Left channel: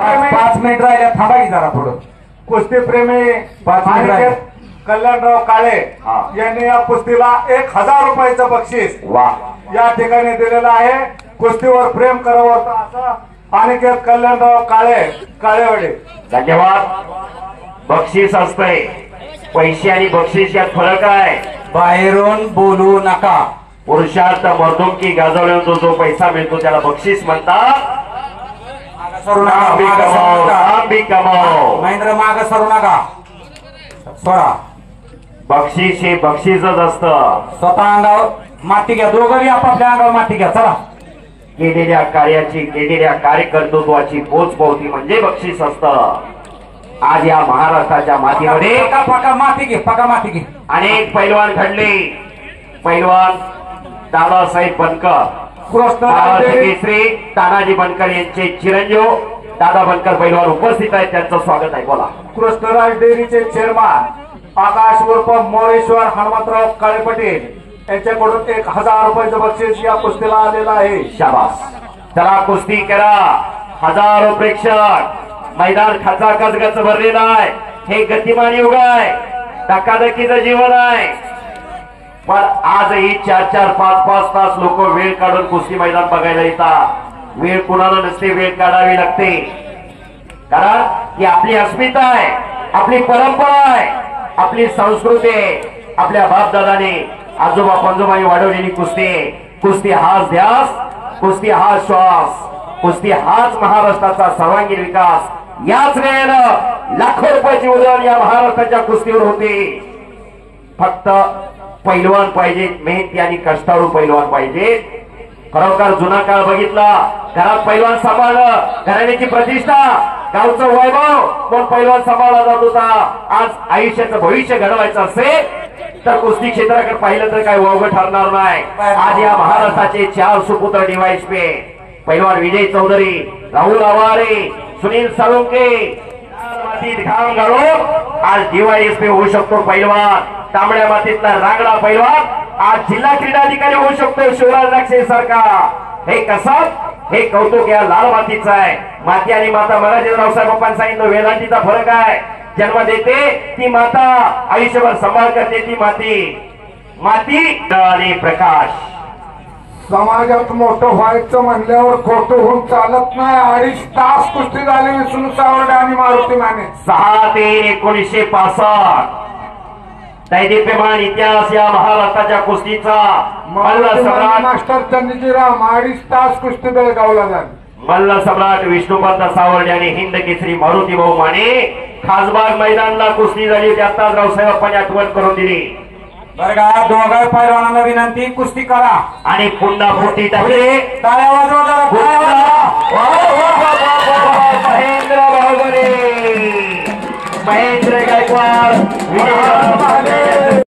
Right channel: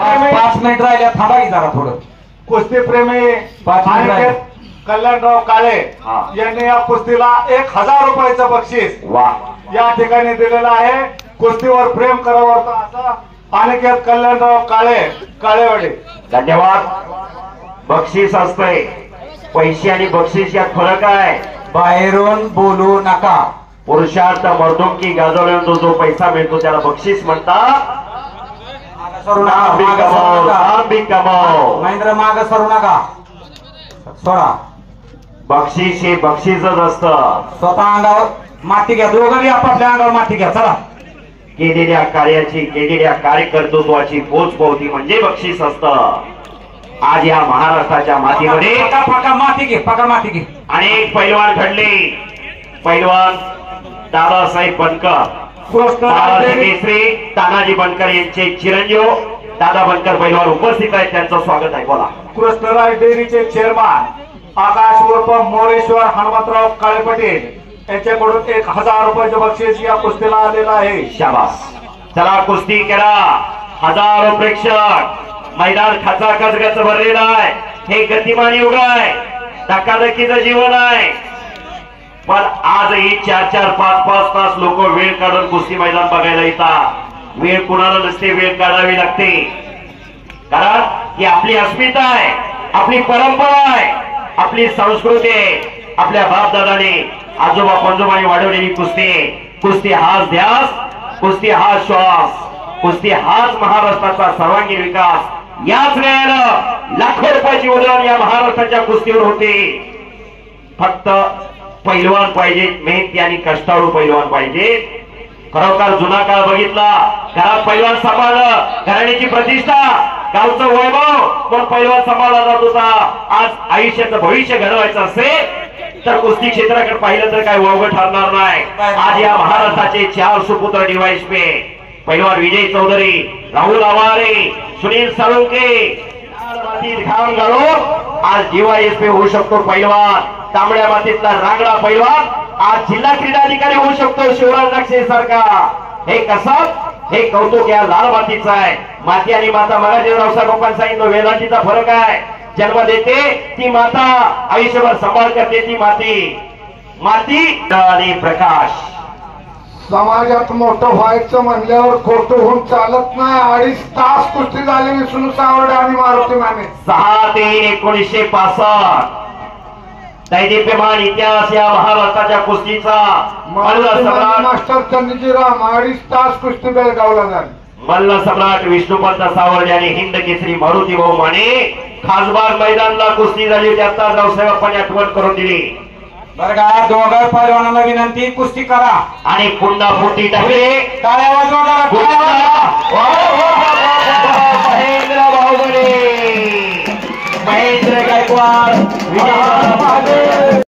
5 minute राहिले, थांबा की जरा थोडं. कुस्ती प्रेमी 5 मिनिट राहिले. कल्याणराव काळे यांनी या कुस्तीला 1000 रुपयाचं बक्षीस या ठिकाणी दिलेलं आहे. कुस्तीवर प्रेम करावं असं अनिकेत कल्याणराव काळे काळेवाडी. धन्यवाद. बक्षीस असतंय, पैसे आणि बक्षीस यात फरक आहे. बाहेरून बोलू नका. पुरुषार्थ मर्दुमकी गाजवल्यानंतर जो पैसा मिळतो त्याला बक्षीस म्हणतात. महेंद्र माग सरू नका, सोडा. बक्षीस हे बक्षीसच असतं. स्वतः अंगावर माती घ्या, दोघंही आपापल्या अंगावर माती घ्या. चला. केलेल्या कार्याची, केलेल्या कार्यकर्तृत्वाची पोचपावती म्हणजे बक्षीस असतं. आज या महाराष्ट्राच्या मातीमध्ये पका माती घे, पका माती घे. अनेक पैलवान घडले. पैलवान दादासाहेब बनकर, केसरी तानाजी बनकर यांचे चिरंजीव दादा बनकर पैलवान उपस्थित आहेत, त्यांचं स्वागत आहे. बोला. कृष्णराज डेअरीचे चेअरमन आकाश उर्फ मोरेश्वर हनुमंतराव काळे पाटील यांच्याकडून 1000 रुपयाचं बक्षीस या कुस्तीला आलेलं आहे. शाबास. चला कुस्ती करा. हजारो प्रेक्षक, मैदान खचाखच गच भरलेलं आहे. हे गतिमान युग आहे, धकाधकीचं जीवन आहे. पण आजही 4-4, 5-5 तास लोक वेळ काढून कुस्ती मैदान बघायला येतात. वेळ कुणाला नसते, वेळ काढावी लागते. कारण ही आपली अस्मिता आहे, आपली परंपरा आहे, आपली संस्कृती आहे. आपल्या बापदादाने आजोबा पंजोबाने वाढवलेली कुस्ती. कुस्ती हाच ध्यास, कुस्ती हाच श्वास, कुस्ती हाच महाराष्ट्राचा सर्वांगीण विकास. याच वेळेला लाखो रुपयाची उलाढाल या महाराष्ट्राच्या कुस्तीवर होते. फक्त पैलवान पाहिजे, मेहनती आणि कष्टाळू पैलवान पाहिजे. खरोखर जुना काळ बघितला, घरात पैलवान सांभाळलं, घराण्याची प्रतिष्ठा, गावचं वैभव पण पैलवान सांभाळला जात होता. आज आयुष्याचं भविष्य घडवायचं असेल तर कुस्ती क्षेत्राकडे पाहिलं तर काही वावगं ठरणार नाही. आज या महाराष्ट्राचे 4 सुपुत्र डीवायएसपी पैलवान विजय चौधरी, राहुल आवारे, सुनील साळुंके घाम घालून आज डीवायएसपी होऊ शकतो पैलवान. तांबड्या मातीतला रांगडा पैलवान आज जिल्हा क्रीडा अधिकारी होऊ शकतो शिवराज नक्षे सारखा. हे कसं, हे कौतुक या लाल मातीचं आहे. माती आणि माता, मला रावसाहेब बाप्पांनी सांगितलं, वेदांतीचा फरक आहे. जन्म देते ती माता, आयुष्यभर सांभाळ करते ती माती. माती आणि प्रकाश. समाजात मोठं व्हायचं म्हणल्यावर खोटं होऊन चालत नाही. 2.5 तास कुस्ती झाली विष्णू सावंत आणि मारुती माने. 6/3/1965 दैदिप्यमान इतिहास या महाराष्ट्राच्या कुस्तीचा. मल्ल सम्राट मास्टर चंदजीराम 2.5 तास कुस्ती बेळगावला झाली. मल्ल सम्राट विष्णुपंत सावंत आणि हिंद केसरी मारुती भाऊ माने खासबाग मैदानला कुस्ती झाली. त्यात रावसाहेबांनी आठवण करून दिली. बरं का, दोघा पैलवानांना विनंती, कुस्ती करा आणि पुन्हा फुटी टाकली. टाळ्या वाजवा जरा. महेंद्र बाहुबली, महेंद्र गायकवाड.